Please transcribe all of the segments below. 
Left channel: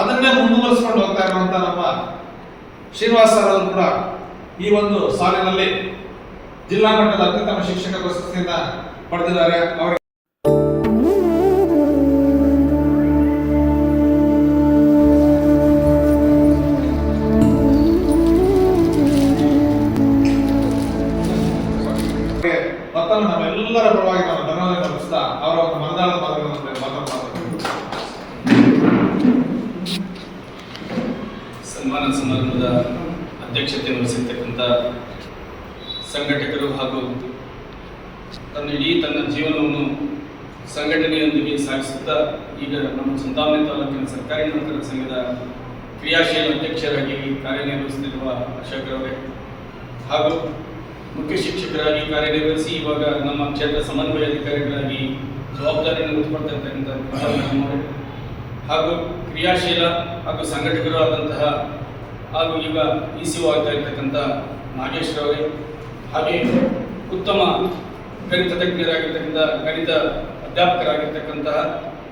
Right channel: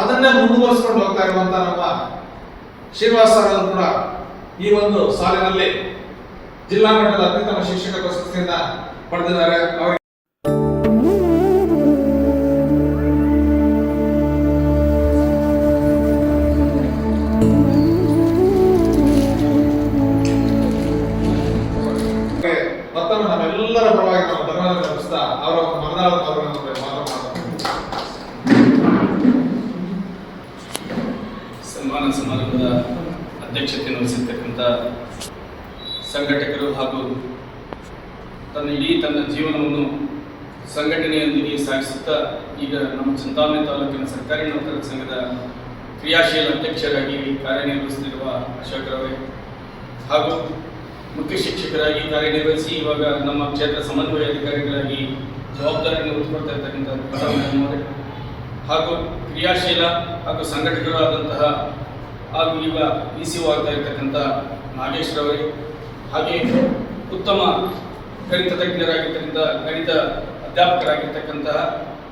ಅದನ್ನೇ ಮುಂದುವರಿಸಿಕೊಂಡು ಹೋಗ್ತಾ ಇರುವಂತ ನಮ್ಮ ಶ್ರೀನಿವಾಸ ಅವರು ಕೂಡ ಈ ಒಂದು ಸಾಲಿನಲ್ಲಿ ಜಿಲ್ಲಾ ಮಟ್ಟದ ಅತ್ಯುತ್ತಮ ಶಿಕ್ಷಕ ಪ್ರಶಸ್ತಿಯಿಂದ ಪಡೆದಿದ್ದಾರೆ. ಅವರಿಗೆ ಅಧ್ಯಕ್ಷತೆಯನ್ನು ವಹಿಸಿರ್ತಕ್ಕಂಥ ಸಂಘಟಕರು ಹಾಗೂ ತನ್ನ ಇಡೀ ತನ್ನ ಜೀವನವನ್ನು ಸಂಘಟನೆಯೊಂದಿಗೆ ಸಾಗಿಸುತ್ತಾ ಈಗ ನಮ್ಮ ಚಂದಾಮೆ ತಾಲೂಕಿನ ಸರ್ಕಾರಿ ನೌಕರರ ಸಂಘದ ಕ್ರಿಯಾಶೀಲ ಅಧ್ಯಕ್ಷರಾಗಿ ಕಾರ್ಯನಿರ್ವಹಿಸುತ್ತಿರುವ ಅಶೋಕ್ರವರೇ ಹಾಗೂ ಮುಖ್ಯ ಶಿಕ್ಷಕರಾಗಿ ಕಾರ್ಯನಿರ್ವಹಿಸಿ ಇವಾಗ ನಮ್ಮ ಕ್ಷೇತ್ರ ಸಮನ್ವಯ ಅಧಿಕಾರಿಗಳಾಗಿ ಜವಾಬ್ದಾರಿಯನ್ನು ಹೊತ್ತುಕೊಳ್ತಾ ಇರ್ತಕ್ಕಂಥ ಹಾಗೂ ಕ್ರಿಯಾಶೀಲ ಹಾಗೂ ಸಂಘಟಕರು ಆದಂತಹ ಹಾಗೂ ಈಗ ಇ ಸಿ ಆಗ್ತಾ ಇರ್ತಕ್ಕಂಥ ನಾಗೇಶ್ವರವರೇ ಹಾಗೆ ಉತ್ತಮ ಗಣಿತ ತಜ್ಞರಾಗಿರ್ತಕ್ಕಂಥ, ಗಣಿತ ಅಧ್ಯಾಪಕರಾಗಿರ್ತಕ್ಕಂತಹ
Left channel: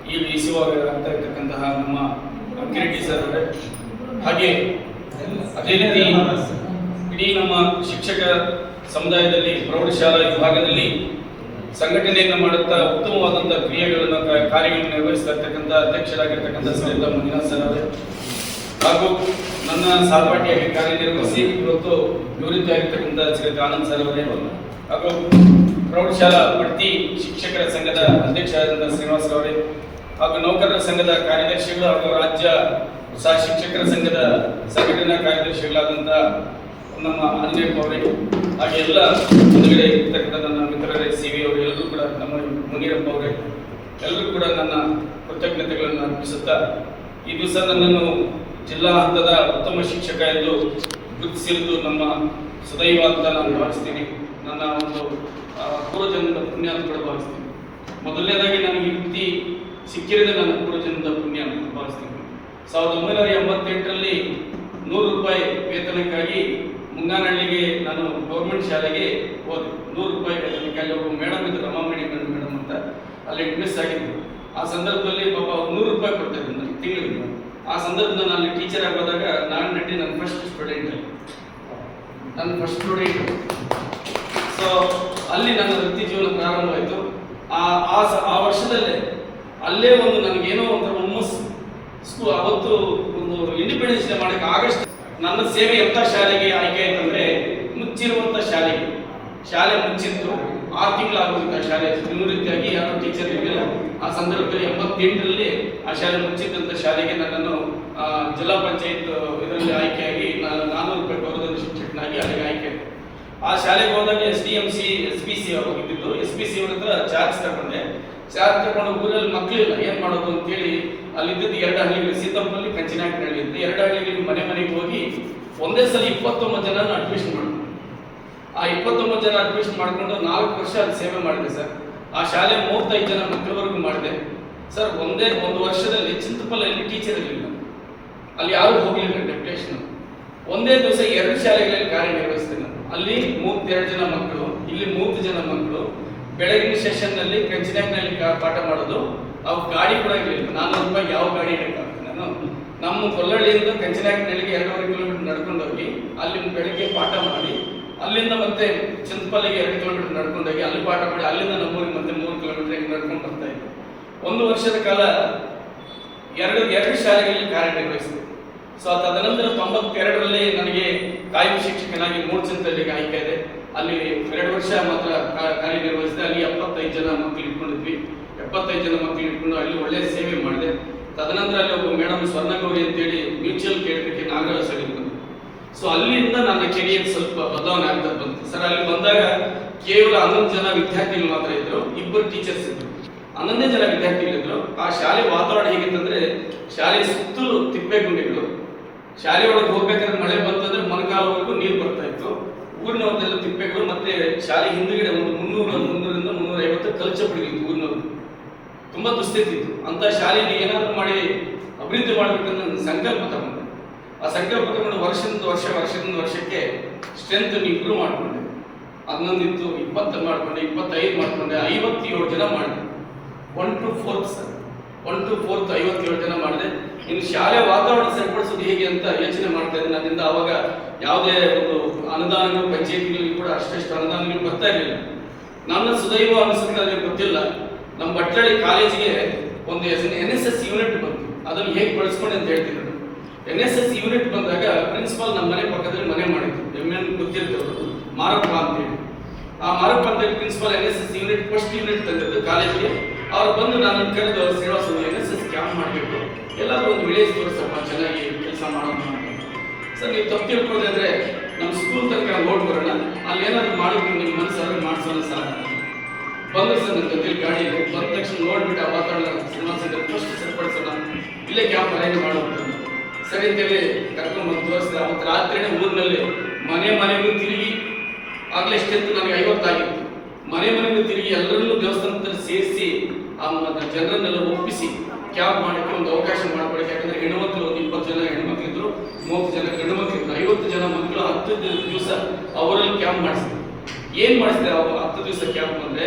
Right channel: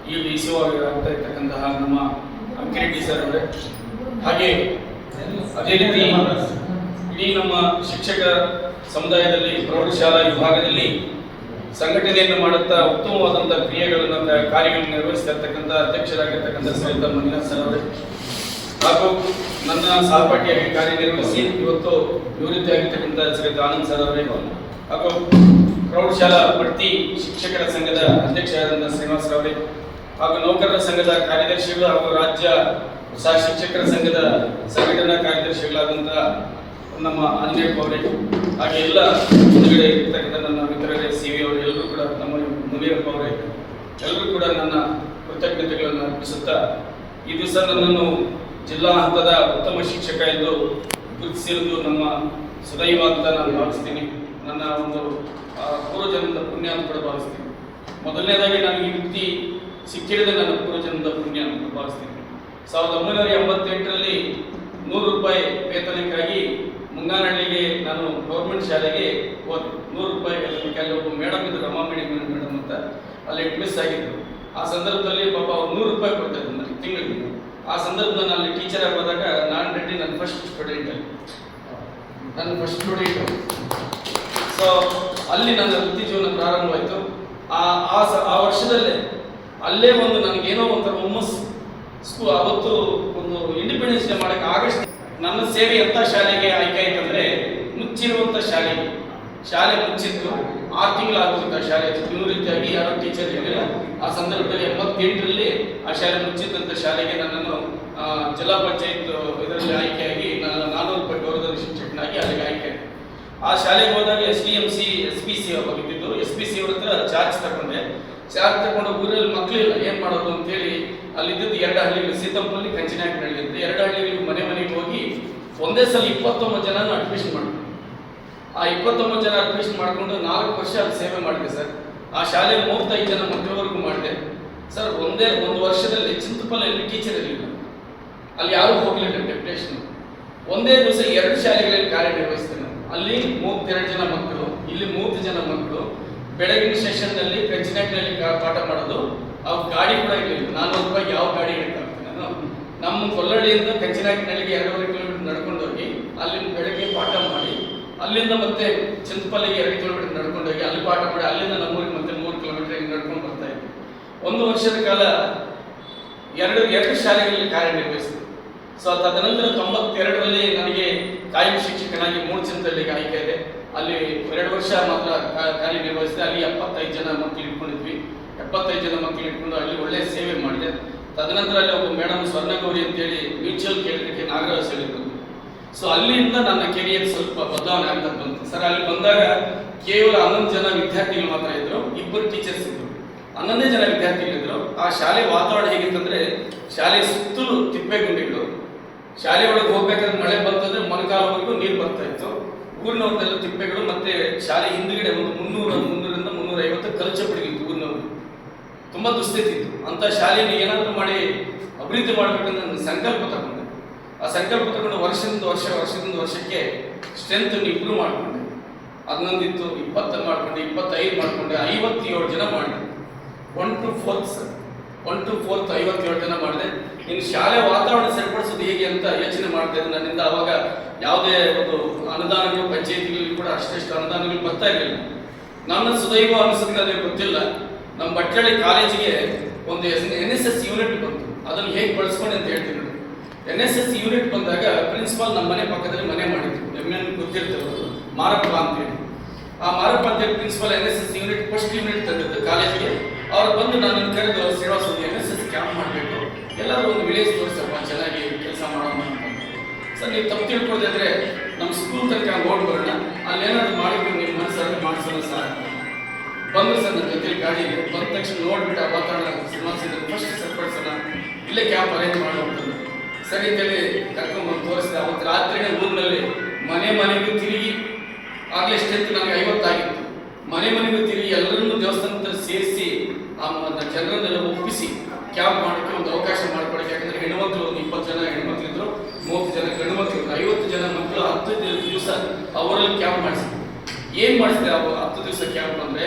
ಈ ಇ ಸಿ ಆಗ್ತಾ ಇರ್ತಕ್ಕಂತಹ ನಮ್ಮ ಕಿರೀಟಿ ಸರ್ ಅವರೇ. ಹಾಗೆ ಅದೇ ರೀತಿ ಇಡೀ ನಮ್ಮ ಶಿಕ್ಷಕ ಸಮುದಾಯದಲ್ಲಿ, ಪ್ರೌಢಶಾಲಾ ವಿಭಾಗದಲ್ಲಿ ಸಂಘಟನೆಯನ್ನು ಮಾಡುತ್ತಾ ಉತ್ತಮವಾದಂಥ ಕ್ರಿಯೆಗಳನ್ನು ಕಾರ್ಯಗಳನ್ನು ನಿರ್ವಹಿಸ್ತಾ ಇರ್ತಕ್ಕಂಥ ಅಧ್ಯಕ್ಷರಾಗಿರ್ತಕ್ಕಂಥ ಶ್ರೀಯುತ ಮಂಜುನಾಥ್ ಸರ್ ಅವರೇ. ಹಾಗೂ ನನ್ನ ಸಹಪಾಠಿಯಾಗಿ ಕಾರ್ಯನಿರ್ವಹಿಸಿ ಇವತ್ತು ನಿವೃತ್ತಿಯಾಗಿರ್ತಕ್ಕಂಥ ಶ್ರೀಯುತ ಆನಂದ್ ಸರ್ ಅವರೇ ಹಾಗೂ ಪ್ರೌಢಶಾಲಾ ಬಡ್ತಿ ಶಿಕ್ಷಕರ ಸಂಘದ ಅಧ್ಯಕ್ಷರಾದಂಥ ಶ್ರೀನಿವಾಸ್ ಅವರೇ, ಹಾಗೂ ನೌಕರರ ಸಂಘದ ಕಾರ್ಯದರ್ಶಿಗಳು ಹಾಗೂ ರಾಜ್ಯ ಸಹ ಶಿಕ್ಷಕರ ಸಂಘದ ಸಂಘಟನಾ ಕಾರ್ಯದರ್ಶಿಗಳಾದಂಥ ನಮ್ಮ ಆಂಜನೇಯಪ್ಪ ಅವರೇ, ಹಾಗೆ ಎಲ್ಲ ಮುಂದುಗಡೆ ಇರ್ತಕ್ಕಂಥ ನನ್ನ ಮಿತ್ರರೇ, ಸಿ ವಿ ಅವರು ಎಲ್ಲರೂ ಕೂಡ ನಮ್ಮ ಮುನಿಯಪ್ಪ ಅವರೇ, ಎಲ್ಲರೂ ಕೂಡ ನನ್ನ ಕೃತಜ್ಞತೆಗಳನ್ನು ಅರ್ಪಿಸುತ್ತಾ ಈ ದಿವಸ ನನ್ನನ್ನು ಜಿಲ್ಲಾ ಹಂತದ ಉತ್ತಮ ಶಿಕ್ಷಕ ಎಂದು ಗುರುತಿಸಿರುವುದು ನಮ್ಮ ಸದೈವ ಅಂತ ನಾನು ಭಾವಿಸ್ತೀನಿ. ನನ್ನ ಒಂದು ಪೂರ್ವಜನ್ಮದ ಪುಣ್ಯ ಅಂತ ಕೂಡ ಭಾವಿಸ್ತೀನಿ. ಮೊದಲನೇದಾಗಿ ನನಗೆ ಈ ವೃತ್ತಿ ಸಿಕ್ಕಿರೋದೇ ನನ್ನ ಪೂರ್ವಜನ್ಮದ ಪುಣ್ಯ ಅಂತ ಭಾವಿಸ್ತೀನಿ. ಸಾವಿರದ ಒಂಬೈನೂರ ಎಂಬತ್ತೆಂಟರಲ್ಲಿ ನೂರು ರೂಪಾಯಿ ವೇತನಕ್ಕಾಗಿ ಮುಂಗಾನಹಳ್ಳಿಗೆ ನಾನು ಗೌರ್ಮೆಂಟ್ ಶಾಲೆಗೆ ಹೋದೆ. ನೂರು ರೂಪಾಯಿ ವೇತನಕ್ಕಾಗಿ ಒಬ್ಬ ಮೇಡಮ್ ಇದ್ದು ರಮಾಮಣಿ ಮೇಡಮ್ ಅಂತ. ಅಲ್ಲಿ ಮಿಸ್ ಆಗಿದ್ದರು. ಆ ಸಂದರ್ಭದಲ್ಲಿ ಪಾಪ ನೂರು ರೂಪಾಯಿ ಕೊಡ್ತಾ ಇದ್ದರು ನನಗೆ ತಿಂಗಳಿಗೆ ಆ ಸಂದರ್ಭದಲ್ಲಿ ನಾನು ಟೀಚರ್ ಆಗೋದಾಗ ನಾನು ರೆಡ್ಡಿ ನನ್ನ ಫಸ್ಟ್ ಸ್ಟೂಡೆಂಟ್ ನನ್ನ ಫಸ್ಟ್ ಸ್ಟೂಡೆಂಟ್ ಸೊ ಅಲ್ಲಿ ನನ್ನ ವೃತ್ತಿ ಜೀವನ ಪ್ರಾರಂಭವಾಯಿತು. ಆ ಆ ವರ್ಷದಲ್ಲೇ ಅಲ್ಲೇ ಒಂದು ನನಗೇನೋ ಒಂಥರ ಹುಮ್ಮಸ್ ಸ್ಕೂ, ಅವತ್ತು ಒಂದು ಇಂಡಿಪೆಂಡೆನ್ಸ್ ಡೇ ಮಾಡಕ್ಕೆ ಆಗಸ್ಟ್, ನನ್ನ ಸೇವೆ ಎಂಥ ಶಾಲೆಗೆ ಆಯ್ಕೆ ಆಯ್ತಂದ್ರೆ ಮುಚ್ಚಿರುವಂಥ ಶಾಲೆಗೆ ಶಾಲೆ ಮುಚ್ಚಿತ್ತು. ಆರು ತಿಂಗಳಾಗುವಂಥ ಶಾಲೆ ನಿವೃತ್ತಿಯಾಗಿ ಯಾರೋ ಟೀಚರ್ ಇರಲಿಲ್ಲ. ಆ ಸಂದರ್ಭದಲ್ಲಿ ಎಂಬತ್ತೆಂಟರಲ್ಲಿ ಆ ಶಾಲೆ ಮುಚ್ಚಿದ್ದಂಥ ಶಾಲೆಗೆ ನನ್ನನ್ನು ಜಿಲ್ಲಾ ಪಂಚಾಯತ್ ಇದರಲ್ಲಿ ಆಯ್ಕೆಯಾಗಿ ನಾನು ನಾನ್ನೂರು ರೂಪಾಯಿ ಗೌರವಧನ ಶಿಕ್ಷಕನಾಗಿ ಅಲ್ಲಿಗೆ ಆಯ್ಕೆ. ಆ ಶಾಲೆಗೆ ಹೋದಾಗ S D M C, S P C ಹೋಗಿದ್ದು ಎಸ್ ಪಿ ಸಿ ಅವ್ರ ಹತ್ರ ಚಾರ್ಜ್ ತಗೊಂಡೆ. ಚಾರ್ಜ್ ತಗೊಂಡು ಊರಲ್ಲಿ ಮಕ್ಕಳಿಲ್ಲ ಏನು ಮಾಡೋದು ಅಂತೇಳಿ ಅಲ್ಲಿದ್ದು ಎರಡು ಹಳ್ಳಿಗಳು ಸೀತಂಪಲ್ಲಿ ಕಂಚಿನಾಗಿ ಅಂತ. ಎರಡು ಹಳ್ಳಿಗಳಿಗೆ ಮನೆ ಮನೆಗೆ ಹೋಗಿ ಒಂದೇ ಸಲ ಇಪ್ಪತ್ತೊಂಬತ್ತು ಜನ ಅಡ್ಮಿಷನ್ ಮಾಡಿದ್ರು. ಆ ಇಪ್ಪತ್ತೊಂಬತ್ತು ಜನ ಅಡ್ಮಿಷನ್ ಮಾಡಿಕೊಂಡು ನಾಲ್ಕು ವರ್ಷ ಅಲ್ಲಿ ಸೇವೆ ಮಾಡಿದೆ ಸರ್. ಆ ಶಾಲೆ ಮೂವತ್ತೈದು ಜನ ಮಕ್ಕಳವರೆಗೂ ಮಾಡಿದೆ. ಸರ್ ಒಂದೇ ಒಂದು ವರ್ಷದಲ್ಲಿ ಚಿಂತಪಲ್ಲಿ ಟೀಚರ್ ಇರಲಿಲ್ಲ. ಅಲ್ಲಿ ಯಾರೂ ಹೋಗಲಿಲ್ಲ ಡೆಪ್ಯುಟೇಷನ್ ಒಂದೇ ದಿವಸ ಎರಡು ಶಾಲೆಗಳಲ್ಲಿ ಕಾರ್ಯನಿರ್ವಹಿಸ್ತೇನೆ ನಾನು. ಅಲ್ಲಿ ಮೂವತ್ತೆರಡು ಜನ ಮಕ್ಕಳು, ಇಲ್ಲಿ ಮೂವತ್ತು ಜನ ಮಕ್ಕಳು. ಬೆಳಗಿನ ಸೆಷನ್ನಲ್ಲಿ ಕಂಚಿನಾಗ್ನಲ್ಲಿ ಪಾಠ ಮಾಡೋದು. ಅವು ಗಾಡಿ ಕೂಡ ಇರಲಿಲ್ಲ. ನಾನ್ನೂರು ರೂಪಾಯಿ ಯಾವ ಗಾಡಿ ಹಿಡಿಕಾಗ್ತದೆ ನಾನು. ನಮ್ಮ ಕೊಲ್ಲಳ್ಳಿಯಿಂದ ಕಂಚಿನಾಗ್ನಳ್ಳಿಗೆ ಎರಡೂವರೆ ಕಿಲೋಮೀಟರ್ ನಡ್ಕೊಂಡು ಹೋಗಿ ಅಲ್ಲಿ ಬೆಳಗ್ಗೆ ಪಾಠ ಮಾಡಿ ಅಲ್ಲಿಂದ ಮತ್ತೆ ಚಿಂತಪಲ್ಲಿಗೆ ಎರಡು ಕಿಲೋಮೀಟರ್ ನಡ್ಕೊಂಡೋಗಿ ಅಲ್ಲಿ ಪಾಠ ಮಾಡಿ ಅಲ್ಲಿಂದ ನಮ್ಮೂರಿಗೆ ಮತ್ತೆ ಮೂರು ಕಿಲೋಮೀಟರ್ ಹಿಂಗೆ ನಡ್ಕೊಂಡು ಬರ್ತಾ ಇದ್ವಿ. ಒಂದು ವರ್ಷದ ಕಾಲ ಎರಡು ಎರಡು ಶಾಲೆಗಳಲ್ಲಿ ಕಾರ್ಯನಿರ್ವಹಿಸಿದೆ ಸೊ ತದನಂತರ ತೊಂಬತ್ತೆರಡರಲ್ಲಿ ನನಗೆ ಕಾಯಂ ಶಿಕ್ಷಕನಾಗಿ ಮೂರು ಚಿಂತಲ್ಲಿ ಆಯ್ಕೆ ಇದೆ. ಅಲ್ಲಿ ಎರಡು ವರ್ಷ ಮಾತ್ರ ಕಾರ್ಯನಿರ್ವಹಿಸಿದೆ. ಅಲ್ಲಿ ಎಪ್ಪತ್ತೈದು ಜನ ಮಕ್ಕಳು ಇಟ್ಕೊಂಡಿದ್ವಿ. ಎಪ್ಪತ್ತೈದು ಜನ ಮಕ್ಕಳು ಇಟ್ಕೊಂಡು ಅಲ್ಲಿ ಒಳ್ಳೆಯ ಸೇವೆ ಮಾಡಿದೆ. ತದನಂತರ ಅಲ್ಲಿ ಒಬ್ಬ ಮೇಡಮ್ ಸ್ವರ್ಣಗೌರಿ ಅಂತೇಳಿ ಮ್ಯೂಚುವಲ್ ಕೇಳಲಿಕ್ಕೆ ನಾಗರಾಜ್ ಹೇಳಿದ್ರು ಸೊ ಅಲ್ಲಿಂದ ನನ್ನ ಕೆರಿಯರ್ ಸ್ವಲ್ಪ ಬದಲಾವಣೆ ಆಗ್ತಾ ಬಂತು. ಸರ್, ಅಲ್ಲಿ ಬಂದಾಗ ಕೇವಲ ಹನ್ನೊಂದು ಜನ ವಿದ್ಯಾರ್ಥಿಗಳು ಮಾತ್ರ ಇದ್ರು, ಇಬ್ಬರು ಟೀಚರ್ಸ್ ಇದ್ರು. ಹನ್ನೊಂದೇ ಜನ ವಿದ್ಯಾರ್ಥಿಗಳಿದ್ರು ಆ ಶಾಲೆ ವಾತಾವರಣ ಹೇಗಿತ್ತಂದ್ರೆ, ಶಾಲೆ ಸುತ್ತಲೂ ತಿಪ್ಪೆ ಗುಂಡಿಗಳು ಶಾಲೆ ಒಳಗೆ ಹೋಗ್ಬೇಕಾದ್ರೆ ಮಳೆ ಬಂತಂದ್ರೆ ಮೊಣಕಾಲವರೆಗೂ ನೀರು ಬರ್ತಾ ಇತ್ತು. ಊರಿನವ್ರದ್ದೆಲ್ಲ ತಿಪ್ಪೆಗಳು ಮತ್ತೆ ಶಾಲೆ ಹಿಂದುಗಡೆ ಒಂದು ಮುನ್ನೂರ ಮುನ್ನೂರಿಂದ ಮುನ್ನೂರ ಐವತ್ತು ಕಲ್ಚಪಡಿಗಿತ್ತು ಊರಿನವರು. ತುಂಬಾ ದುಸ್ಥಿತಿ ಇತ್ತು. ಅಂತ ಶಾಲೆಯನ್ನು ಏನಾದರೂ ಮಾಡಿ ಅಭಿವೃದ್ಧಿ ಮಾಡ್ಬೇಕಂತ ಸಂಕಲ್ಪ ತಗೊಂಡೆ ಆ ಸಂಕಲ್ಪ ತಗೊಂಡು ವರ್ಷದಿಂದ ವರ್ಷ, ವರ್ಷದಿಂದ ವರ್ಷಕ್ಕೆ ಸ್ಟ್ರೆಂತ್ ಇಂಪ್ರೂವ್ ಮಾಡಿಕೊಂಡೆ. ಹನ್ನೊಂದಿತ್ತು ಇಪ್ಪತ್ತು ಮಾಡಿಕೊಂಡೆ, ಇಪ್ಪತ್ತೈದು ಮಾಡಿಕೊಂಡೆ, ಐವತ್ತೇಳು ಜನ ಮಾಡಿದೆ. One two fourth sir one two fourth ಐವತ್ತೇಳು ಜನ ಮಾಡಿದೆ. ಇನ್ನು ಶಾಲೆ ವಾತಾವರಣ ಸರಿಪಡಿಸೋದು ಹೇಗೆ ಅಂತ ಯೋಚನೆ ಮಾಡ್ತಾ ಇದ್ದೆ ನನ್ನಿಂದ ಅವಾಗ ಯಾವುದೇ ಒಂದು ಅನುದಾನಗಳು, ಪಂಚಾಯತಿಗಳಲ್ಲಿ ಕೂಡ ಅಷ್ಟೆಷ್ಟು ಅನುದಾನಗಳು ಬರ್ತಾ ಇರಲಿಲ್ಲ. ನನ್ನ ಸುದೈವ ಅನಿಸುತ್ತೆ ಗೊತ್ತಿಲ್ಲ. ನಮ್ಮ ಬಟ್ಟಳ್ಳಿ ಕಾಲೇಜಿಗೆ ಒಂದು ಎನ್ ಎಸ್ ಎಸ್ ಯೂನಿಟ್ ಬಂತು. ಅದನ್ನು ಹೇಗೆ ಬಳಸ್ಕೊಂಡು ಅಂತ ಹೇಳ್ತೀನಿ. ಎನ್ ಎಸ್ ಎಸ್ ಯೂನಿಟ್ ಬಂದಾಗ ಪ್ರಿನ್ಸಿಪಲ್ ನಮ್ಮ ಮನೆ ಪಕ್ಕದಲ್ಲಿ ಮನೆ ಮಾಡಿದ್ರು. ಎಂ ಎನ್ ಗೊತ್ತಿರ್ತವರು ಮಾರಪ್ಪ ಅಂತೇಳಿ. ಆ ಮಾರಪ್ಪ ಅಂತೇಳಿ principal N S S unit first unit ತಂದಿದ್ದು ಕಾಲೇಜಿಗೆ ಅವ್ರು ಬಂದು ನಾನು ಕರೆದು Srinivasa N S S camp ಮಾಡಬೇಕು. ಎಲ್ಲರೂ ಒಂದು ವಿಲೇಜ್ ತೋರಿಸಪ್ಪ, ಚೆನ್ನಾಗಿ ಕೆಲಸ ಮಾಡೋಣ ಸರ್, ನೀವು ತಪ್ಪು ತಿಳ್ಕೊಳ್ಳದೆ ಅಂದ್ರೆ ನಮ್ಮ ಸ್ಕೂಲ್ ತನಕ ಓಡ್ ಬರೋಣ. ಅಲ್ಲಿ ಏನಾದ್ರು ಮಾಡಿದ್ರು ನಿಮ್ಮ ಮನಸ್ಸಾದ್ರೆ ಮಾಡಿಸೋಣ ಸರ್ ಬಂದ್ರು ಸರ್ ನನ್ನ ಜೊತೆ ಗಾಡಿ ಬಂದ ತಕ್ಷಣ ನೋಡ್ಬಿಟ್ಟು ಆ ವಾತಾವರಣ ಶ್ರೀನಿವಾಸ ಫಸ್ಟ್ ಸರಿಪಡಿಸೋಣ ಇಲ್ಲೇ ಕ್ಯಾಂಪ್ ಅರೇಂಜ್ ಮಾಡೋದು ಸರಿ ಕರ್ಕೊಂಡು ತೋರಿಸಿದೆ ಅವತ್ತು ರಾತ್ರಿನೇ ಊರಿನಲ್ಲಿ ಮನೆ ಮನೆಗೂ ತಿರುಗಿ, ಆಗಲೇ ಎಷ್ಟೆತ್ತು ನನಗೆ ಐವತ್ತಾಗಿತ್ತು. ಮನೆ ಮನೆಗೂ ತಿರುಗಿ ಎಲ್ಲರನ್ನೂ ದೇವಸ್ಥಾನದಲ್ಲಿ ಸೇರಿಸಿ ಆ ಜನರನ್ನೆಲ್ಲ ಒಪ್ಪಿಸಿ, ಕ್ಯಾಂಪ್ ಮಾಡೋಕ್ಕೆ ಒಂದು ಅವಕಾಶ ಮಾಡ್ಕೊಳ್ಳಿ ಯಾಕಂದ್ರೆ ಹೆಣ್ಮಕ್ಳು ಒಂದು ಇಪ್ಪತ್ತು ಜನ ಹೆಣ್ಮಕ್ಳಿದ್ರು ಮೂವತ್ತು ಜನ, ಗಂಡು ಮಕ್ಳಿದ್ರು ಐವತ್ತು ಜನ ಮಕ್ಕಳು ಹತ್ತು ದಿವಸ ಅವರಲ್ಲಿ ಕ್ಯಾಂಪ್ ಮಾಡಿಸಿದ್ರು. ಏನು ಮಾಡಿಸಿದೆ ಅವರು ಹತ್ತು ದಿವಸ ಕ್ಯಾಂಪ್ ಅಂದ್ರೆ,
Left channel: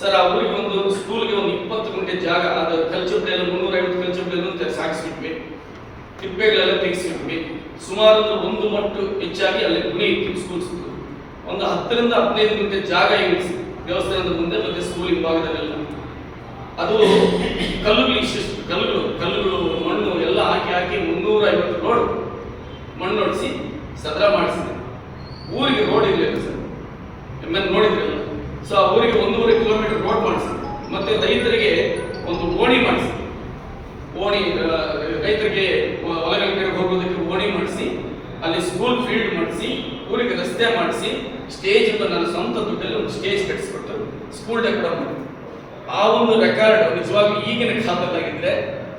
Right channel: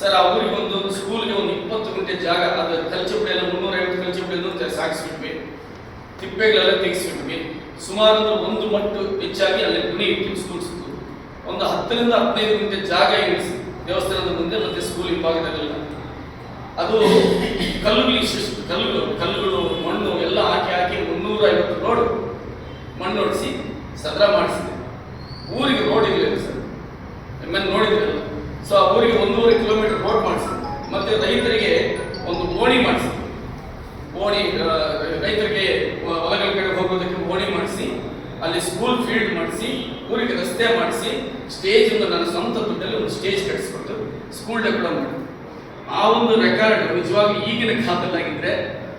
ಸರ್, ಆ ಊರಿಗೆ ಒಂದು ಸ್ಕೂಲ್ಗೆ ಒಂದು ಇಪ್ಪತ್ತು ಗಂಟೆ ಜಾಗ, ಅದು ಕಲ್ಚುಬ್ಡಿ ಎಲ್ಲ ಮುನ್ನೂರ ಐವತ್ತು ಕಲ್ಚುಬ್ಡಿ ಸಾಗಿಸ್ಬಿಟ್ವಿ. ತಿಪ್ಪೆಗಳೆಲ್ಲ ತೆಗೆಸಿದ್ವಿ. ಸುಮಾರು ಒಂದು ಮಟ್ಟು ಹೆಚ್ಚಾಗಿ ಅಲ್ಲಿ ಗುಣಿ ಸುತ್ತು ಒಂದು ಹತ್ತರಿಂದ ಹದಿನೈದು ಗಂಟೆ ಜಾಗ ಎಣಿಸಿ ದೇವಸ್ಥಾನದ ಮುಂದೆ ಮತ್ತೆ ಸ್ಕೂಲ್ ಭಾಗದಲ್ಲೆಲ್ಲ. ಅದು ಕಲ್ಲುಗಳು ಕಲ್ಲುಗಳು ಕಲ್ಲುಗಳು, ಮಣ್ಣು ಎಲ್ಲ ಹಾಕಿ ಹಾಕಿ ಮುನ್ನೂರ ಐವತ್ತು ರೋಡ್ ಮಣ್ಣು ಹೊಡಿಸಿ ಸದ್ರ ಮಾಡಿಸಿದೆ. ಊರಿಗೆ ರೋಡ್ ಇರಲಿಲ್ಲ ಸರ್. ಎಮ್ಮೆ ನೋಡಿದ್ರಲ್ಲ. ಸೊ ಆ ಊರಿಗೆ ಒಂದೂವರೆ ಕಿಲೋಮೀಟರ್ ರೋಡ್ ಮಾಡಿಸಿದೆ. ಮತ್ತೆ ರೈತರಿಗೆ ಒಂದು ಓಣಿ ಮಾಡಿಸಿದೆ. ಓಣಿ ರೈತರಿಗೆ ಹೊಲಗಳ ಕಡೆ ಹೋಗೋದಕ್ಕೆ ಓಣಿ ಮಾಡಿಸಿ, ಅಲ್ಲಿ ಸ್ಕೂಲ್ ಫೀಲ್ಡ್ ಮಾಡಿಸಿ, ಊರಿಗೆ ರಸ್ತೆ ಮಾಡಿಸಿ ಸ್ಟೇಜ್ ನನ್ನ ಸ್ವಂತ ದುಡ್ಡಲ್ಲಿ ಒಂದು ಸ್ಟೇಜ್ ಕಟ್ಟಿಸ್ಕೊಟ್ಟು ಸ್ಕೂಲ್ ಡೇ ಕೂಡ ಮಾಡಿ ಆ ಒಂದು ರೆಕಾರ್ಡ್ ನಿಜವಾಗ್ಲೂ ಈಗಿನ ಕಾಲದಲ್ಲಾಗಿದ್ರೆ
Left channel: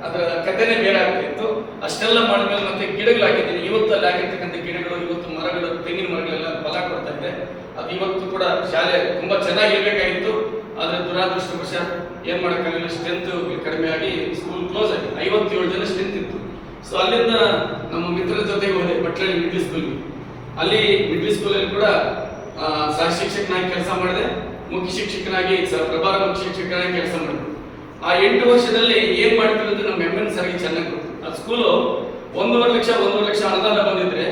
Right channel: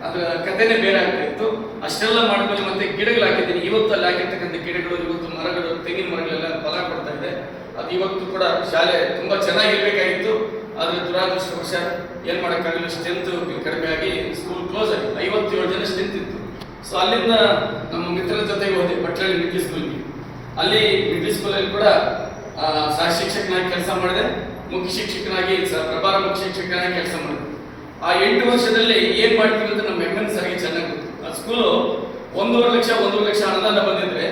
ಅದರ ಕಥೆನೇ ಬೇರೆ ಆಗ್ತಿತ್ತು ಅಷ್ಟೆಲ್ಲ ಮಾಡಿದ್ಮೇಲೆ ಮತ್ತೆ ಗಿಡಗಳು ಹಾಕಿದ್ದೀನಿ. ಇವತ್ತು ಅಲ್ಲಿ ಹಾಕಿರ್ತಕ್ಕಂಥ ಗಿಡಗಳು, ಇವತ್ತು ಮರಗಳು, ತೆಂಗಿನ ಮರಗಳೆಲ್ಲ ಫಲ ಕೊಡ್ತಾ ಇದೆ. ಅದು ಇವತ್ತು ಕೂಡ ಶಾಲೆ ತುಂಬಾ ಚೆನ್ನಾಗಿರ್ಬೇಕಾಗಿತ್ತು. ಆದರೆ ದುರಾದೃಷ್ಟವಶ ಏನು ಮಾಡೋಕ್ಕಾಗಲಿಲ್ಲ ಸ್ಟ್ರೆಂತ್ ಕಡಿಮೆ ಆಗಿ ಸ್ಕೂಲ್ ಕ್ಲೋಸ್ ಆಗಿತ್ತು ಐವತ್ತೇಳು ಜನ ಸ್ಟ್ರೆಂತ್ ಇತ್ತು. ಸೊ ಅಲ್ಲಿಂದ ನಮ್ಮ ಮಿತ್ರರ ಜೊತೆಗೆ ಹೋದೆ ಪಟ್ಟಳ್ಳಿ ಮಿಡ್ಲ್ ಸ್ಕೂಲ್ಗೆ ಅಲ್ಲಿ ಮಿಡ್ಲ್ ಸ್ಕೂಲಲ್ಲಿ ಕೂಡ ಸಹ ಶಿಕ್ಷಕನಾಗಿ ಕೆಲಸ ಮಾಡಿದೆ, ಮುಖ್ಯ ಶಿಕ್ಷಕನಾಗಿ ಸರ್ ಪ್ರಭಾರ ಮುಖ್ಯ ಶಿಕ್ಷಕನಾಗಿ ಕೆಲಸ ಮಾಡಿದೆ. ಆ ಎಂಟು ವರ್ಷದಲ್ಲಿ ಏನ್ ಮಾಡ್ತೀವಿ ಅಂತ ನಮ್ಮ ಎಂ ಎನ್ ಸರ್ಗೆ ಚೆನ್ನಾಗಿ ಗೊತ್ತು. ಆ ಸ್ಕೂಲು ಒಂದೂವರೆ ಲಕ್ಷ ಒಂದೂವರೆ ಲಕ್ಷ ಅನುದಾನ ಬಂದಿದ್ರೆ,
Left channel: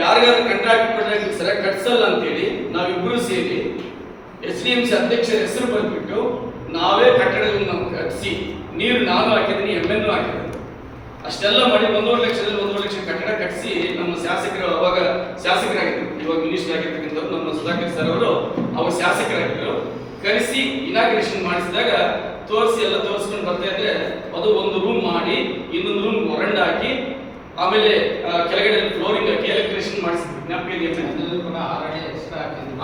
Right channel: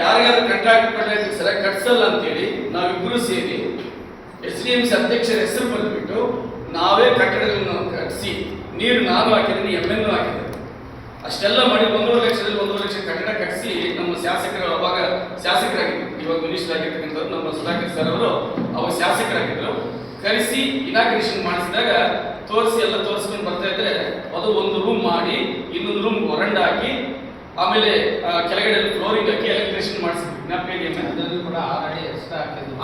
ಯಾರ್ಯಾರು ಕಂಟ್ರಾಕ್ಟ್ ಕೊಡ್ಲಿಕ್ಕೆ ಸರ ಕಟ್ಸಲ್ಲ ಅಂತೇಳಿ ನಾವಿಬ್ರು ಸೇರಿ ಎಸ್ ಡಿ ಎಂ ಸಿ ಅಧ್ಯಕ್ಷರ ಹೆಸರು ಬರೆದ್ಬಿಟ್ಟು ನಾವೇ ಕಟ್ಟಡಗಳನ್ನು ಕಟ್ಟಿಸಿ ನೀರು ನಾನು ಹಾಕಿದ್ದೀನಿ ಎಂ ಎನ್ ಹಾಕಿದ್ದೀನಿ. ಅಷ್ಟೆಲ್ಲ ಮಾಡಿ ಒಂದೂವರೆ ಲಕ್ಷದಲ್ಲಿ ಒಂದೂವರೆ ಲಕ್ಷ ಕಟ್ಟಡ ಕಟ್ಟಿಸಿ ನಮ್ಮ ಶಾಸಕರು ಅವಾಗ ಶಾಸಕರಾಗಿದ್ದರು ಇವಾಗ ಮಿನಿಸ್ಟರ್ ಆಗಿರ್ತಕ್ಕಂಥವ್ರು ನಮ್ಮ ಸುಧಾಕರ್ ಸರ್ ಅವರು ಅವಾಗ ಶಾಸಕರಾಗಿದ್ದರು ಕರೆಸಿ ಇನಾಗ್ರೇಷನ್ ಮಾಡಿಸಿದಾಗ ತೋರಿಸಿ ಎಲ್ಲ ತೋರಿಸ್ಕೊಂಡು ಬರ್ತಾ ಇದ್ರೆ ಅದು ಒಂದು ರೂಮ್ ಮಾಡಿ ಇನ್ನೊಂದು ರೂಮ್ ಹೊರಂಡ ಹಾಕಿ ಆಮೇಲೆ ಕೆಳಗಡೆ ಫ್ಲೋರಿಂಗ್ ಹಾಕಿ ಎಲೆಕ್ಟ್ರಿಷನ್ ಮಾಡಿಸಿದ್ವಿ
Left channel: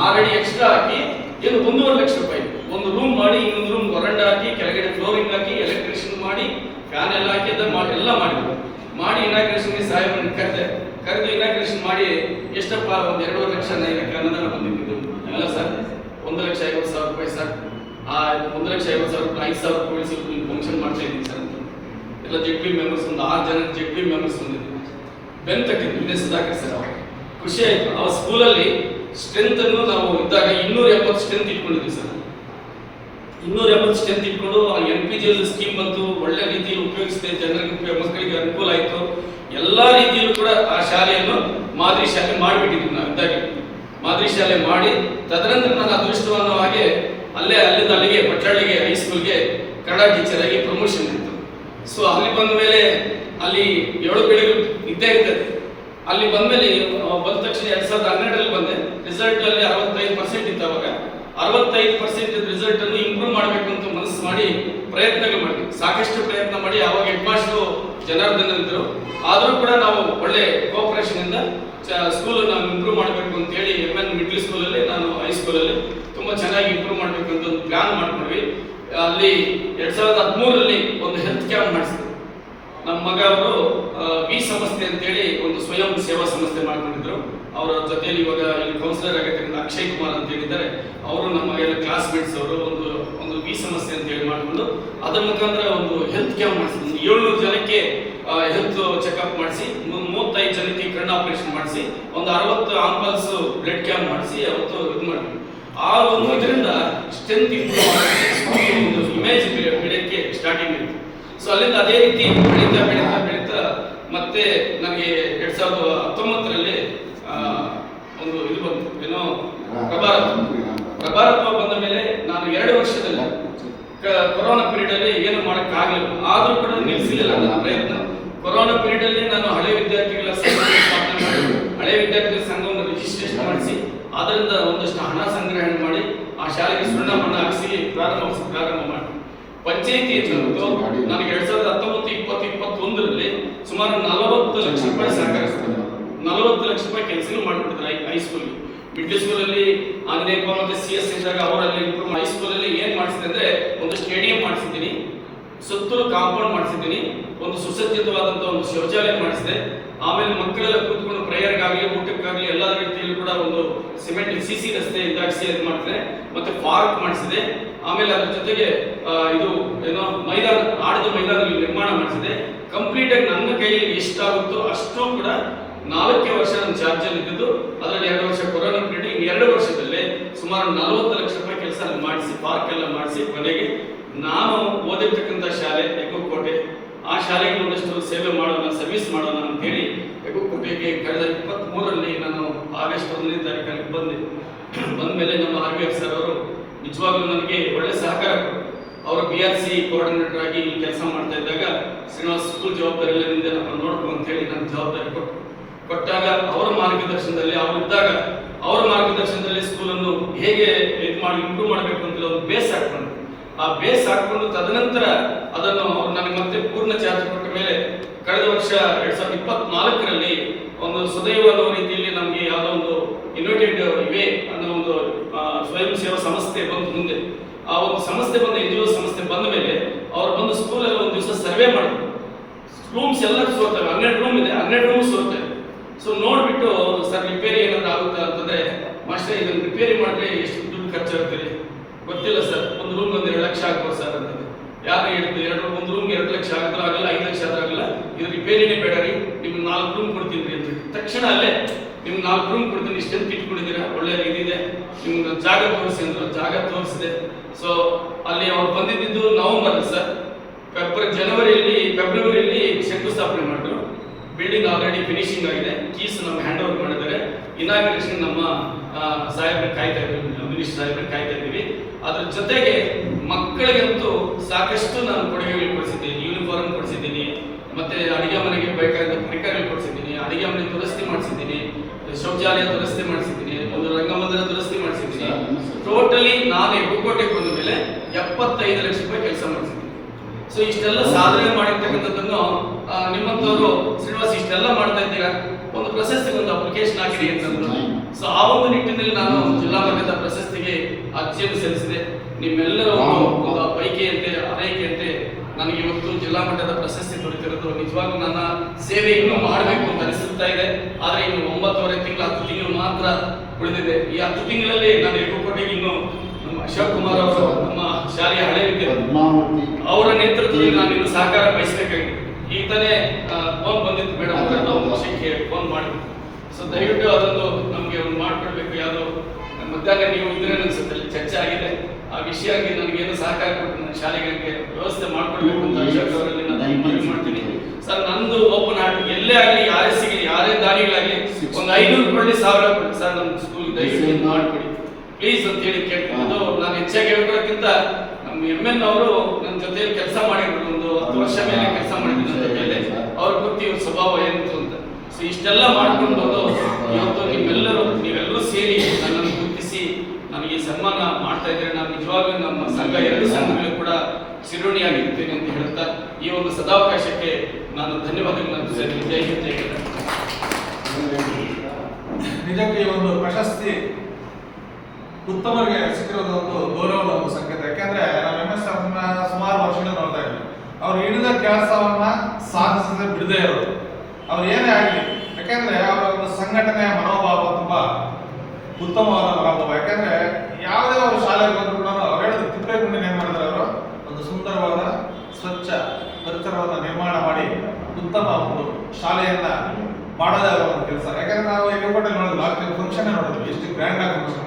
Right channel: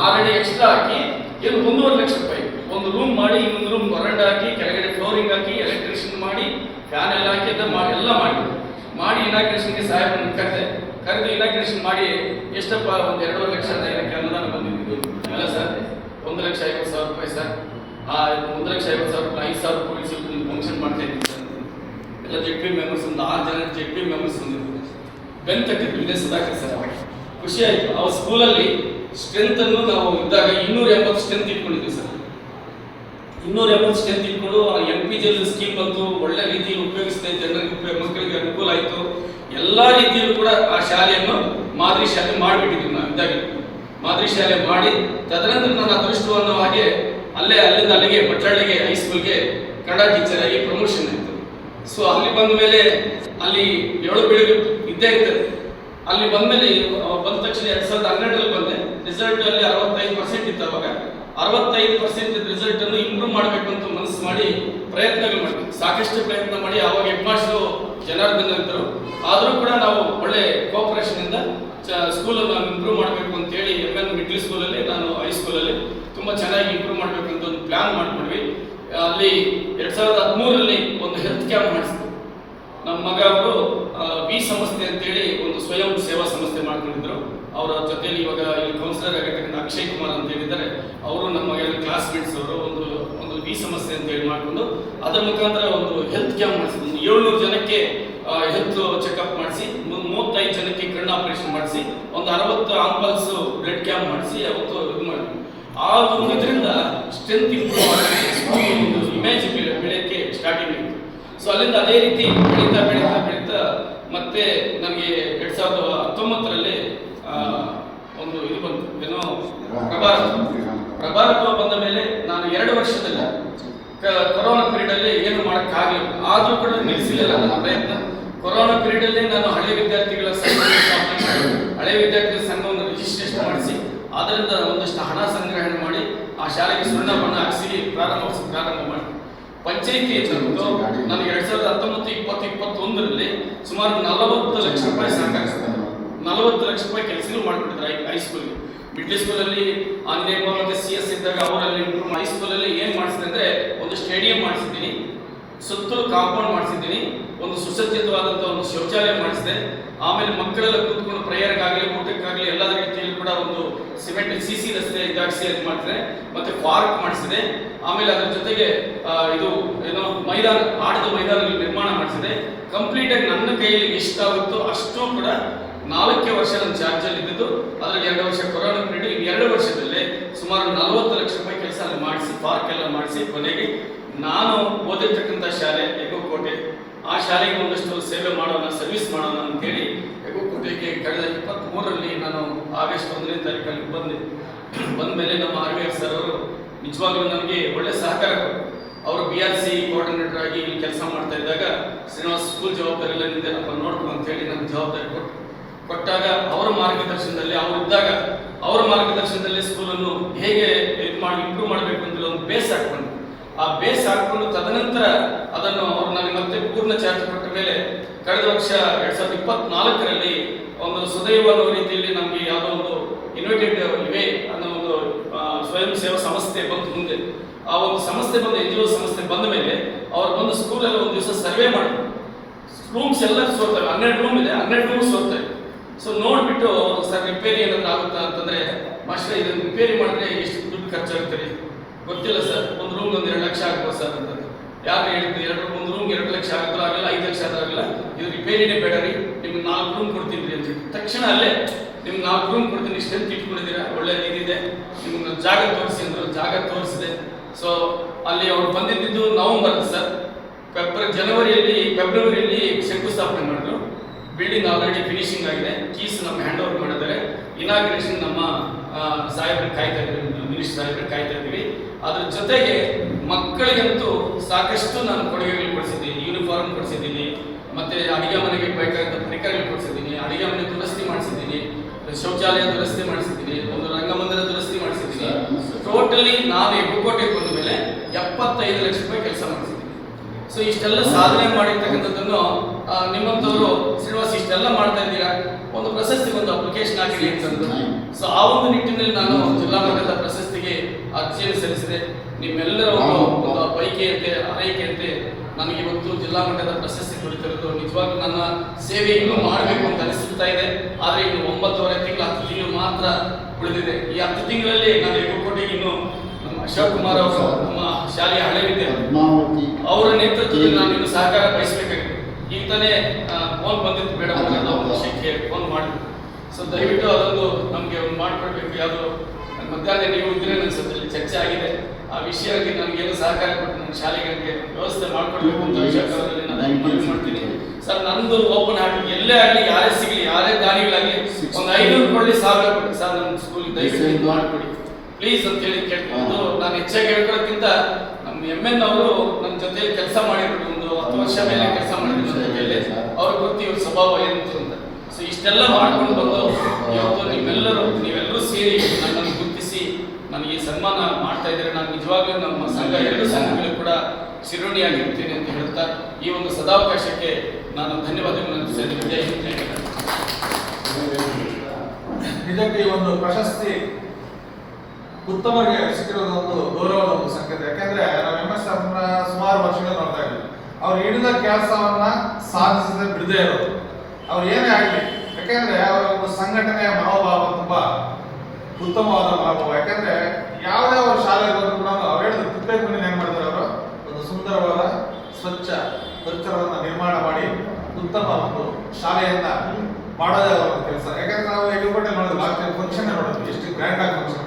ಆಲ್ರೆಡಿ ಎಕ್ಸ್ಟ್ರಾ ಹಾಕಿ ಏನು ಒಂದೂವರೆ ಲಕ್ಷ ರೂಪಾಯಿ. ಒಂದು ರೂಮ್ ಮಾಡಿ ಇನ್ನೊಂದು ರೂಮ್ ಹೊರಂಡ ಹಾಕಿ ಕೆಳಗಡೆ ಫ್ಲೋರಿಂಗ್ ಹಾಕಿ ಎಲೆಕ್ಟ್ರಿಷನ್ ಮಾಡಿ ಫ್ಯಾನ್ ಎಲ್ಲ ಹಾಕಿದ್ದ ಮಾಡಿ ಎಲ್ಲ ಮಾಡಿದ್ವಿ ಮಾಡಿ ಇನಾಗ್ರೇಷನ್ಗೆ ಸಾಹೇಬರನ್ನ ಕರೆದೆ. ಕರೆದು ಇನಾಗ್ರೇಷನ್ ಮಾಡಿ ಎಷ್ಟಪ್ಪ, ಒಂದು ಎರಡೂವರೆ ಲಕ್ಷ ಇದಕ್ಕೆ ಅನುದಾನ ಬಂದಿದ್ದು. ಅಲ್ಲ ಸರ್, ಒಂದು ಲಕ್ಷ ಐವತ್ತು ಸಾವಿರ ರೂಪಾಯಿ ಸರ್. ಆ, ಒಂದು ಲಕ್ಷ ಐವತ್ತು ಸಾವಿರ ರೂಪಾಯಿ, ಐದು ಸಾವಿರ ರೂಪಾಯಿ ಉಳಿಸಿ ಫಂಕ್ಷನ್ ಮಾಡ್ತಾ ಇದ್ದೀನಿ ಸರ್. ಎಲ್ಲ ಜೆಡ್ ಪಿ ಮೆಂಬರ್ಸ್ ಒಂದು ಆರು ಜನ ಜೆಡ್ ಪಿ ಮೆಂಬರ್ಸ್ ಬಂದಿದ್ವಿ ಬೆನ್ ತಟ್ಟಿದ್ದು ವಿನಯ್ ಸುಧಾಕರ್ ಸರ್ ಅವಾಗ ಖುಷಿ ಆಯಿತು. ಆ ಸ್ಕೂಲಲ್ಲಿ ಸ್ಟ್ರೆಂತನ್ನು ನಾವು ಇದ್ದಾಗ ಇನ್ನೂರ ಎಂಬತ್ತು ಸ್ಟ್ರೆಂತ್ ಇಟ್ಕೊಂಡಿದ್ವಿ ಸರ್. ಇನ್ನೂರ ಎಂಬತ್ತು ಸ್ಟ್ರೆಂತ್ ಇಟ್ಕೊಂಡು ಎನ್ ಪಿ ಜಿ ಸ್ಕೀಮ್ ಬಂತು, ಒಳ್ಳೆ ರೀತಿಯಲ್ಲಿ ಉಪಯೋಗಿಸಿದೆ ಜನರಿಗೆ ಮಕ್ಕಳಿಗೆ ಅನುಕೂಲ ಆಯಿತು. ಎಲ್ಲ ರೀತಿಯಲ್ಲೂ ಕೂಡ ಆ ಶಾಲೆಯನ್ನು ಮಾದರಿ ಶಾಲೆ ಮಾಡಿಬಿಟ್ಟಿದ್ವಿ ನಾವು ಇದ್ದಾಗಿ. ಮಾದರಿ ಶಾಲೆ ಮಾಡಿ, ತದನಂತರ ನನ್ನ ಅದೃಷ್ಟವನ್ನು ಹಾಗೆ ಅಲ್ಲೇ ಅಲ್ಲಿಂದ ಅಲ್ಲಿಗೆ ಪಟ್ಟಳ್ಳಿಗೆ ಹೈಸ್ಕೂಲ್ಗೆ ಕನ್ನಡ ಟೀಚರ್ ಆಗಿ ಪ್ರಮೋಷನ್ ಆಯಿತು. ಸೊ ಅಲ್ಲಿ ಬಂದ ಮೇಲೆ ಅಲ್ಲಿ ಏಳು ಬೆಳಿಗ್ಗೆ ಇದ್ದೇ ಇರ್ತದೆ ಅಲ್ಲಿ ಬಂದ ಮೇಲೆ ಬಂದ ತಕ್ಷಣ ಎರಡ್ ಸಾವಿರದ ಹನ್ನೆರಡರಲ್ಲಿ ಬಂದೆ. ರಿಸಲ್ಟ್ ಅಲ್ಲಿ ಅರವತ್ತೈದು ಪರ್ಸೆಂಟ್ ಇತ್ತು ಅವಾಗ. ಅರವತ್ತೈದು ಪರ್ಸೆಂಟ್ ರಿಸಲ್ಟ್ ಅನ್ನು ಇಂಪ್ರೂವ್ ಮಾಡಬೇಕು ಅಂತ ಮನಸ್ಸು ಮಾಡಿ ಪ್ರಯತ್ನಗಳು ಮಾಡಿ. ಸಾಕಷ್ಟು ಪ್ರಯತ್ನ ಮಾಡಿ. ಅವಾಗ ಹೆಡ್ ಮಾಸ್ಟರ್ ಜನಾರ್ದನ್ ಅಂತರು ಆದರೂ ಕೂಡ ನಾವು ಒಳ್ಳೆ ಕೋಆಪರೇಷನ್ ಇಂದ ಸ್ಕೂಲ್ ನಾವು ಇಂಪ್ರೂವ್ ಮಾಡಬೇಕು ಅಂತ ಹೇಳಿ ಎಂ ಎನ್ ಮಿಡ್ಲ್ ಸ್ಕೂಲಲ್ಲಿ ನಾನು ಹೈಸ್ಕೂಲಲ್ಲಿ ತುಂಬಾ ಚೆನ್ನಾಗಿ ಇಂಪ್ರೂವ್ ಮಾಡಬೇಕು ಅಂತ ಒಂದು ಪ್ಲಾನ್ ಮಾಡ್ಕೊಂಡ್ವಿ. ಅಲ್ಲಿ ಎರಡ್ ಸಾವಿರದ ಹದಿಮೂರರಲ್ಲಿ ಒಂದು ಹೆಲ್ತ್ ಕ್ಯಾಂಪ್ ಮಾಡಿಸಿದ್ರು. ನಮ್ಮ ಮಗ ಅವರು ವಿ ಸಂಸ್ಥೆ ಅಂತೇಳಿ ಒಂದು ಸ್ವಯಂ ಸೇವಾ ಸಂಸ್ಥೆ ಮಾಡ್ಕೊಂಡಿದ್ರು ಅವರ ಜೊತೆಯಲ್ಲಿ ಇವಾಗ ಇಲ್ಲಿ ಕೌನ್ಸಿಲರ್ ಆಗಿರ್ತಕ್ಕಂಥ ಅಕ್ಷಯ್ ಕುಮಾರ್ ಅಂತ ಹೇಳಿದ್ದಾರೆ. ಅವರು ನಮ್ಮ ಎಲ್ಲ ಕ್ಲಾಸ್ಮೇಟ್ಸ್ ಅವರು ಒಂದು ಒಂದು ವಿ ಸಮಸ್ಯೆ ಅಂತ ಹೇಳಿ ಮಾಡಿಕೊಂಡು ಅದರ ಮುಖಾಂತರ ಒಂದು ಹೆಲ್ತ್ ಕ್ಯಾಂಪ್ ಮಾಡಿಸಿ ಏಳ್ನೂರು ಜನಕ್ಕೆ ಹೆಲ್ತ್ ಚೆಕಪ್ ಮಾಡಿಸಿ ಮೂವತ್ತೈದು ಜನಕ್ಕೆ ಕಣ್ಣು ಆಪರೇಷನ್ ಮಾಡಿಸಿ, ಒಂದು ಅರವತ್ತು ಆಂಪಲ್ಸ್ ಬ್ಲಡ್ ಕ್ಯಾಂಪ್ ಮಾಡಿಸಿ ಅವತ್ತು ಇದು ಮಾಡಿದ್ವಿ ಆ ಒಂದು ಇದರಿಂದ ಸ್ಟ್ರೆಂತ್ ಒಂದು ಇಮೇಜ್ ಬೆಳೆಯಕ್ಕೆ ಸ್ಟಾರ್ಟಿಂಗ್ ಇತ್ತು ಸೊ ಅಲ್ಲಿಂದ ಅದೇ ರೀತಿ ಬೆಳೀತಾ ಬೆಳೀತಾ ಬೆಳೀತಾ ಮತ್ತೆ ನನಗೆ ಎರಡು ಸಾವಿರದ ಹತ್ತೊಂಬತ್ತರಲ್ಲಿ ಒಂದು ಇದು ಬಂತು. ಏನೋ ಪ್ರಭಾರತ್ವ ಪ್ರಭಾರತ್ವ ಬಂದ ಮೇಲೆ ನಾನು ಎರಡು ವರ್ಷದಲ್ಲಿ ಕೊರೋನಾ ಪೀರಿಯಡ್ ಅಲ್ಲಿ ಏನು ಮಾಡಕ್ಕಾಗಲಿಲ್ಲ. ಆದ್ರೂ ಕೂಡ ನಿಲ್ಲಿಸಲಿಲ್ಲ ನನ್ನ ಪ್ರಯತ್ನ. ಕೊರೋನಾ ಪೀರಿಯಡ್ ಅಲ್ಲಿ ನಾನು ಹಳೆ ವಿದ್ಯಾರ್ಥಿಗಳ ಸಂಘವನ್ನು ಸ್ಥಾಪನೆ ಮಾಡಿ ಹಳೆ ವಿದ್ಯಾರ್ಥಿಗಳ ಸಂಘವನ್ನು ರಿಜಿಸ್ಟ್ರೇಷನ್ ಮಾಡಿಸಿ ಅದರಿಂದ ಒಂದಷ್ಟು ಹಣ ಸಂಗ್ರಹಣೆ ಮಾಡಿ ಆ ಶಾಲೆಗೆ ಸುಣ್ಣ ಬಣ್ಣ ಹಾಕಿಸಿ ಪ್ರಾರಂಭ ಪ್ರಾರಂಭ ಮಾಡಿ ಪಂಚಾಯಿತಿ ಜನರು ನನಗೆ ಎರಡ್ ಸಾವಿರದ ಹತ್ತೊಂಬತ್ತು ಇಪ್ಪತ್ತು ಇಪ್ಪತ್ತೊಂದರಲ್ಲಿ ಸುಮಾರು ನಲವತ್ತು ಲಕ್ಷ ರೂಪಾಯಿ ಸಹಕರಿಸಿದ್ದಾರೆ ನಲವತ್ತು ಲಕ್ಷ ರೂಪಾಯಿ ಕೆಲಸಗಳು ಮಾಡಿಬಿಟ್ಟಿದ್ರು ಐ ಹೈಸ್ಕೂಲ್ ಮಿಡ್ಲ್ ಸ್ಕೂಲ್ ಅಲ್ಲಿ ಆಂಜನೇಯಪ್ಪ ಮತ್ತೆ ಸಿ ಎಸ್ ಇದ್ದಾಗ ಅವರಲ್ಲಿ ಇಂಪ್ರೂವ್ ಹೈಸ್ಕೂಲ್ ಅಲ್ಲಿ ಏನ್ ಮಾಡಿಸಿದೆ ಅಂದ್ರೆ ಒಂದು ಸ್ಟೇಡಿಯಂ ಮಾಡಿಸಿದ್ದೀನಿ. ಸುತ್ತಲೂ ಕಾಂಪೌಂಡ್ ಮಾಡಿಸಿದ್ದೀನಿ. ಒಂದು ಸುಸಜ್ಜಿತವಾದಂಥ ಒಂದು ಶೌಚಾಲಯ ಮಾಡಿಸಿದೆ. ಆಮೇಲೆ ಮಕ್ಕಳೆಲ್ಲ ಕೂತ್ಕೊಂಡು ಪ್ರೇಯರ್ಗಾಗಲಿ, ಊಟಕ್ಕಾಗಲಿ ಎಲ್ಲ ರೀತಿಯಲ್ಲಿ ಕೂಡ ಒಂದು ಸಿಮೆಂಟ್ ಸಿ ಸಿ ರಸ್ತೆ ಜಾಸ್ತಿ ಇದು ಮಾಡಿದ್ರೆ ಮತ್ತೆ ಪಾರ್ಕ್ ಮಾಡಿಸಿದೆ. ಆಮೇಲೆ ಅದ್ರ ಜೊತೆಗೆ ಇದು, ಏನೋ ಮೈದಾನ ಆಟದ ಮೈದಾನಗಳು ನಿರ್ಮಾಣ ಮಾಡಿಸಿದೆ. ಕಂಪ್ಲೀಟ್ ಆಗಿ ನನ್ನ ಕೈಯಲ್ಲಿ ಎಷ್ಟಾಗುತ್ತೋ ಅಷ್ಟು ಕೂಡ ನಾಲ್ಕೇ ವರ್ಷ ನನ್ನ ಚಾರ್ಜ್ ಅಲ್ಲಿ ಇದ್ದಿದ್ದು, ಅದರಲ್ಲಿ ಎರಡು ವರ್ಷ ಕೊರೋನಾ ಪೀರಿಯಡ್ ಎರಡು ವರ್ಷದಲ್ಲಿ ಸುಮಾರು ನಲವತ್ತು ಲಕ್ಷ ರೂಪಾಯಿ ಕೆಲಸ ಅಲ್ಲಿ ಮಾಡಿಸಿ ಪಾರ್ಕ್ ಎಲ್ಲ ಮಾಡಿಸಿ ಕೊನೆಗೆ ನಾನು ಓದಿರ್ತಕ್ಕಂಥ ಶಾಲೆ ಎಗೋಕೋಟೆ ಆ ಶಾಲೆಗೆ ಒಂದಷ್ಟು ಸೇವೆ ಮಾಡೋಣ ಸರ್ವಿಸ್ ಮಾಡೋಣ ಅಂತೇಳಿ ಎಗೋಕೋಟೆಗೆ ಕಳೆದ ಇಪ್ಪತ್ತ್ ಮೂರರಲ್ಲಿ ನಾನು ಆಗಸ್ಟ್ ಒಂದನೇ ತಾರೀಕಲ್ಲಿ ಬಂದೆ. ಬಂದ ಮೇಲೆ ನಮ್ಮ ಆರ್ ವಿ ಸರ್ ಅವರು ನಿಜವಾಗ್ಲೂ ನನಗೆ ಒಳ್ಳೆ ಸಹಕಾರ ಕೊಟ್ಟರು. ಅವರು ಬಿ ಆರ್ ಸಿ ಕೋಆರ್ಡಿನೇಟರ್ ಆಗಿ ಕೆಲಸ ಮಾಡ್ತಾ ಇದ್ದಾಗ ಶ್ರೀನಿವಾಸ್ ಸ್ಕೂಲ್ ಜವಾಬ್ದಾರಿ ನೋಡ್ಕೊ ಅಂತ ಹೇಳಿ ನನ್ನ ಜವಾಬ್ದಾರಿ ಕೊಟ್ಟರು. ಕೊಟ್ಟಾಗ ಅವರ ಮಾರ್ಗದರ್ಶನದಲ್ಲಿ ಅವರು ಇದ್ದಾಗ ಅವರ ಮಾರ್ಗದರ್ಶನದಲ್ಲಿ ಸ್ಕೂಲನ್ನು ಹೇಗೆ ಇದು ಮಾಡಿ ಇಂಪ್ರೂವ್ ಮಾಡಬೇಕು ಅಂತ ಒಂದು ಬೇಸ್ ಹಾಕೊಂಡು ಆ ಬೇಸ್ ಹಾಕೊಂಡು ತದನಂತರ ಅದನ್ನು ಅವರು ನನಗೆ ಮತ್ತೆ ಪೂರ್ಣ ಚಾರ್ಜ್ ಕೊಟ್ಟ ಮೇಲೆ ಕಳೆದ ವರ್ಷ ಎರಡ್ ಸಾವಿರದ ಇಪ್ಪತ್ನಾಲ್ಕರಲ್ಲಿ ಒಂದು ಸದೈವ ಅನ್ನೋ ರೀತಿಯಲ್ಲಿ ನಮಗೆ ಯಾವುದೋ ಒಂದು ಇನ್ವೈಟೆಡ್ ಇವೆ ಅನ್ನೋ ಒಂದು ಸ್ವಯಂ ಸೇವಾ ಸಂಸ್ಥೆ ಬಂತು ಮುಂದೆ. ಆ ಒಂದು ಸಂಸ್ಥೆ ಬಂದ ಎನ್ ಜಿ ಒ ಸಂಸ್ಥೆ ಬಂದ ಮೇಲೆ ಅವ್ರು ಬಂದು ಸ್ಕೂಲಲ್ಲಿ ಒಂದು ದಿವಸ ಸರ್ವೆ ಮಾಡಿದ್ರು. ರೂಮ್ಸ್ ಎಲ್ಲ ಸೋರ್ತವೆ ಹನ್ನೆರಡು ರೂಮ್ ಇದೆ, ಹನ್ನೆರಡು ರೂಮ್ ಸೋರ್ತವೆ ಸೊ ನೋಡ್ಬಿಟ್ಟು ಸರ್, ರಿಪೇರಿ ಏನಾದ್ರು ಆಗುತ್ತೆ ಅಂತಂದ್ರೆ, ಮಾಸ್ಟರ್ ಇದನ್ನು ರಿಪೇರಿ ಮಾಡಿದ್ರೆ ಎಷ್ಟು ದುಡ್ಡು ಖರ್ಚಾಗ್ತದೆ? ಗೊತ್ತಿಲ್ಲ ಸರ್. ಒಂದು ರೂಮ್ ಒಂದು ಎರಡು ಲಕ್ಷ ಆಗ್ಬೋದು ಸರ್ ಅಂತ ಯಾರು ಹೇಳಿದ್ರು ಎರಡು ಒಂದು ರೂಮ್ ಎರಡು ಲಕ್ಷ ಆಗುತ್ತೋ ಆಗಲ್ಲ, ಐದು ಲಕ್ಷ ಆದ್ರೂ ಆಗಲ್ಲ. ಇದು ರಿಪೇರಿನೇ ಬೇಡ ರೀ. ನಿಮ್ಗೆ ನಾಲ್ಕು ರೂಮ್ ಕೊಡ್ತೀನಿ ಅಂತ. ತಕ್ಷಣ ಅಲ್ಲೇ, ನಿಮ್ಗೆ ನಾಲ್ಕು ರೂಮ್ ಕೊಡ್ತೀನಿ, ಇಷ್ಟೆಂತ ಇಟ್ಕೊಂಡಿದ್ದೀರಾ? ಒಳ್ಳೆ ಇದಿದೆ ನಿಮ್ಗೆ ಜಾಗ ತೋರಿಸಿ ಅಂದ್ರು. ಜಾಗ ತೋರಿಸಿದೆ. ಸೊ ಅಲ್ಲಿ ಅವ್ರು ಬಂದಿದ್ದು ನವಂಬರ್ ಸರ್. ಫೆಬ್ರವರಿ ಜನವರಿಯಲ್ಲಿ, ಫೆಬ್ರವರಿಯಲ್ಲಿ ಶಂಕುಸ್ಥಾಪನೆ ಮಾಡಿದ್ರು. ಬಿಲ್ಡಿಂಗ್ ಆಲ್ರೆಡಿ ಫಿನಿಶಿಂಗ್ ಆಗಿದೆ. ಕೀಸ್ ನಮ್ಮ ಹ್ಯಾಂಡ್ ಓವರ್ ಮಾಡಿದ್ದಾರೆ. ಇನಾಗ್ರೇಷನ್ ನಮ್ಮ ಸಾಹೇಬ್ರಿಗೆ ಕಾಯ್ತಾ ಇದ್ದೀವಿ ಮಿನಿಸ್ಟರ್ ಸಾಹೇಬ್ರಿಗೆ ಕಾಯ್ತಾ ಇದ್ದೀವಿ. ಅದ್ರ ಜೊತೆಗೆ ಮಕ್ಕಳಿಗಂತೂ ಸಾಕಷ್ಟು ನಾನು ಕೊಡುಗೆಗಳು ಕೊಡಿಸಿದ್ದೀನಿ. ಯೂನಿಫಾರ್ಮ್ ಕೊಡಿಸಿದ್ದೀನಿ. ಮತ್ತೆ ಅಡಿಗೆ ಮನೆಗೆ ಬೇಕಾದ ಪರಿಕರಗಳು ಕೊಡಿಸಿದ್ದೀನಿ. ಅಡಿಗೆ ಮನೆ ದುರಸ್ತಿ ಮಾಡಿಸಿದ್ದೀನಿ. ಶೌಚಾಲಯ ದುರಸ್ತಿ ಮಾಡಿಸಿದ್ದೀನಿ. ಒಂದು ರಂಗಮಂದಿರ ದುರಸ್ತಿ ಮಾಡಿಸಿದ್ದೀನಿ. ಟೋಟಲಿ ನಾನು ಹೆಬ್ಬಕೋಟೆಗೆ ಬಂದ ಮೇಲೆ ಎಪ್ಪತ್ತೈದು ಲಕ್ಷ ರೂಪಾಯಿ ಕೆಲಸ ಮಾಡಿಸಿದ್ದೀನಿ. ಸೊ ಇಷ್ಟೆಲ್ಲ ಸಾಧನೆ ಮಾಡಿರ್ತಕ್ಕಂಥದ್ದನ್ನು ನಿಮ್ಮಂಥವರು ಶ್ರೀನಿವಾಸ್ ಇಷ್ಟೆಲ್ಲ ಮಾಡ್ತಾ ಇದ್ದೀರಾ? ಒಂದು ಪ್ರಶಸ್ತಿ ಒಂದು ಅಪ್ಲಿಕೇಶನ್ ಆಗಿದೆ ಅಂತಂದು ಸೊ ಆ ಒಂದು ನಿಟ್ಟಿನಲ್ಲಿ ನಾನು ಜಿಲ್ಲಾ ಮಟ್ಟದ ಪ್ರಶಸ್ತಿಗೆ ಅರ್ಜಿಯನ್ನು ಸಲ್ಲಿಸಿದೆ. ನಿಮ್ಮೆಲ್ಲರ ಒಂದು ಪೈಕಿಯಂತೆ ಆರೈಕೆಯಂತೆ ನನಗೆ ಇವತ್ತು ಜಿಲ್ಲಾ ಮಟ್ಟದ ಪ್ರಶಸ್ತಿ ದೊರೆತಿರೋದು. ನಿಜವಾಗ್ಲೂ ನನ್ನ ಸೇವೆ ಇನ್ನೂ ಮಾಡಬೇಕು ಅಂತ ಅನಿಸುತ್ತಾ ಇದೆ. ಆದರೆ ಇನ್ನು ಒಂಬತ್ತುವರೆ ತಿಂಗಳು ಹತ್ತು ತಿಂಗಳು ಮಾತ್ರ ಉಳಿದಿದೆ. ಈ ಹತ್ತು ತಿಂಗಳಲ್ಲಿ ನಾನು ಇನ್ನು ನಮ್ಮ ಅಶೋಕ್ ಕುಮಾರ್ ಅವರು ನಮ್ಮ ಶಾಲೆಯ ಹಳೆ ವಿದ್ಯಾರ್ಥಿ. ಅವರ ನೇತೃತ್ವದಲ್ಲಿ ನಾನು ಇನ್ನು ಸಹಕಾರ ಬಯಸಬೇಕಾಗಿದೆ ಈಗ ತಾನೇ ಫೋನ್ ಬಂದಿತ್ತು ಮೇಡಮ್ ಅವರದ್ದು ವಿಷಯಕ್ಕೆ ಫೋನ್ ಮಾಡಿ. ಸೊ ದಯವಿಟ್ಟು ಅದೊಂದು ನಮಗೆ ಒಂದು ಮಾಡಿಕೊಡ್ಬೇಕು. ಯಾವುದು ಮಧ್ಯಾಹ್ನ ನೀವು ಇದ್ರೆ ಅನ್ಸುತ್ತೆ ಚರ್ಚೆ ಆಗಿದೆ. ಆ ವಿಷಯವಾಗಿ ನನಗೇನು ಸಹಕಾರ ಕೊಟ್ಟು ನನ್ನ ಶಾಲೆಗೆ ವ್ಯವಸ್ಥೆ ಮಾಡಿಕೊಡ್ಬೇಕು ಅಂತ ವಿಷಯದಲ್ಲಿ ನಾನು ಮನವಿ ಮಾಡ್ತೀನಿ. ಸರ್ ನಂದು ಓಪನ್ ಹಾರ್ಟ್ ಎಲ್ಲೇ ಆಗಲಿ ಯಾರೇ ಸಿಗಲಿ ಯಾರೇ ದಾನಿಗಳಾಗಲಿ ಒಂದು ಐನೂರು ಕೊಡಲಿ ಸಾವಿರ ಕೊಡಿ ಸರ್ ನನ್ನ ಸ್ಕೂಲ್ ದಯವಿಟ್ಟು ಮಾಡಿಕೊಡಿ. ಪ್ಲೀಸ್ ಅಂತ ಹೇಳಿ ಕೇಳ್ಕೊಂಡು ನಾನು ಹೆಚ್ಚಾಗಿ ಹೇಳ್ಕೊಳ್ಳೋಕ್ಕಿಂತ ನಮ್ಮ ಎಂ ಎನ್ ಅವರು ನನ್ನ ಜೊತೆ ಕೆಲಸ ಮಾಡಿದ್ರು ಒಂದು ಹತ್ತು ವರ್ಷ ಮೇಲೆ ಕೆಲಸ ಮಾಡಿದ್ರು ನನ್ನ ಜೊತೆಯಲ್ಲಿ ಅವ್ರ ಗೊತ್ತಿ ಇವ್ರ ಸ್ವಭಾವ ಏನು ಅಂತ. ಸೊ ಇಷ್ಟೆಲ್ಲ ಮಾಡ್ಕೊಂಡು ಇವತ್ತು ನಿಮ್ಮೆಲ್ಲರೂ, ನೀವೆಲ್ಲರೂ ಸೇರಿ ನನ್ನನ್ನು ಗುರುತಿಸಿ ನನಗೆ ಸನ್ಮಾನ ಮಾಡ್ತಾ ಇದ್ರೆ ನಾನು ನಿಜವಾಗ್ಲೂ ನಮ್ಮ ಸಂಘ ಎರಡು ಸಂಘಗಳು ಕೂಡ ಶಿರೋಣಿಯಾಗಿರ್ತೇನೆ ಅಂತ ಹೇಳ್ತಾ ಈ ಒಂದು ಸದಾವಕಾಶಕ್ಕೆ ನಾನು ಧನ್ಯವಾದಗಳನ್ನು ಸೇರಿ ನಿಜಕ್ಕೆ ಈ ಒಂದು ಪ್ರಶಸ್ತಿ ಉತ್ತಮರಿಗೆ ಸಿಕ್ಕಿರೋದೊಂದು ಗೌರವದ ಒಂದು ಸಂಗತಿ. ಯಾಕಂದ್ರೆ ಎಂ ಎಸ್ ಸುಮಾರು ವರ್ಷಗಳಿಂದ ನೋಡ್ತಾ ಇದ್ವಿ. ಅವ್ರು ಹಿಡಿದ ಕೆಲಸವನ್ನ ಸಾಧಿಸದೆ ಬಿಡದೇ ಇರೋದು. ಅವ್ರು ಏನೇ ಆಗಲಿ, ಯಾಕಂದ್ರೆ ಅವರ ಒಂದು ಸಂಘಟನೆ ಮನೋಭಾವ ತುಂಬಾ ಉತ್ತಮವಾದ ಮನೋಭಾವ. ಯಾಕಂದ್ರೆ ಯಾವುದೇ ಅವ್ರ ಶಾಲೆಗೆ ಬಂದ್ರು ಕೂಡ ಅವ್ರು ಹೇಳಿದ್ರು ತಿಪ್ಪೇಗುಂಡಿನ ಏನ್ ಮಾಡಿದ್ರು ಅವರು? ಒಂದು ಸುಂದರವಾದ, ಸ್ವಚ್ಛ, ಪರಿಸರವನ್ನ ನಿರ್ಮಾಣ ಮಾಡಿ ಉತ್ತಮ ಒಂದು ಶಾಲೆಯನ್ನ ಮಾಡೋದೇ ಒಂದು ಕೆಲಸ. ಯಾಕಂದ್ರೆ ನಾವು ಎಗ್ರಿಪಟ್ಟೆ ನೋಡಿದ್ವಿ ಫಂಕ್ಷನ್ ನೋಡಿದ್ವಿ, ಎಷ್ಟು ಗ್ರ್ಯಾಂಡ್ ಆಗಿ ಫಂಕ್ಷನ್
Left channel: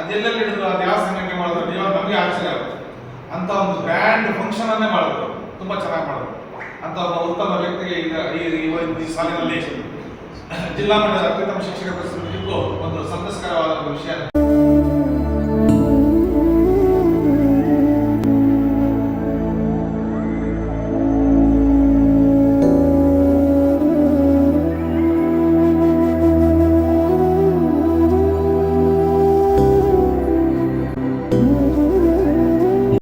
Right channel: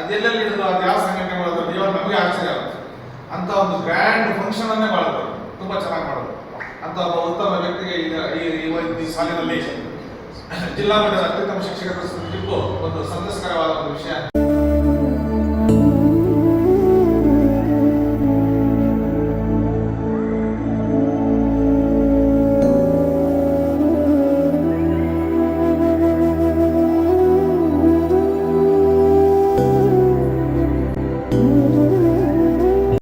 ಅದೆಲ್ಲೆಲ್ಲಿ ಹಿಡಿದ್ರು ಅದು ಯಾವ ಸಂಘಟನೆ ಮಾಡೋದು ನೀವು ನಮಗೆ ಆಶ್ಚರ್ಯ ಆಗುತ್ತೆ. ಅಂತ ಒಂದು ಗ್ರ್ಯಾಂಡ್ ಫಂಕ್ಷನ್ ಅನ್ನೇ ಮಾಡೋದು ತುಂಬಾ ಚೆನ್ನಾಗಿ ಮಾಡೋದು ಅಂತ ಒಬ್ಬ ಉತ್ತಮ ವ್ಯಕ್ತಿಗೆ ಈ ಸಾಲಿನಲ್ಲಿ ಜಿಲ್ಲಾ ಮಟ್ಟದ ಅತ್ಯುತ್ತಮ ಶಿಕ್ಷಕರ ಒಂದು ಸಂತಸಕರವಾದ ಒಂದು ವಿಷಯ.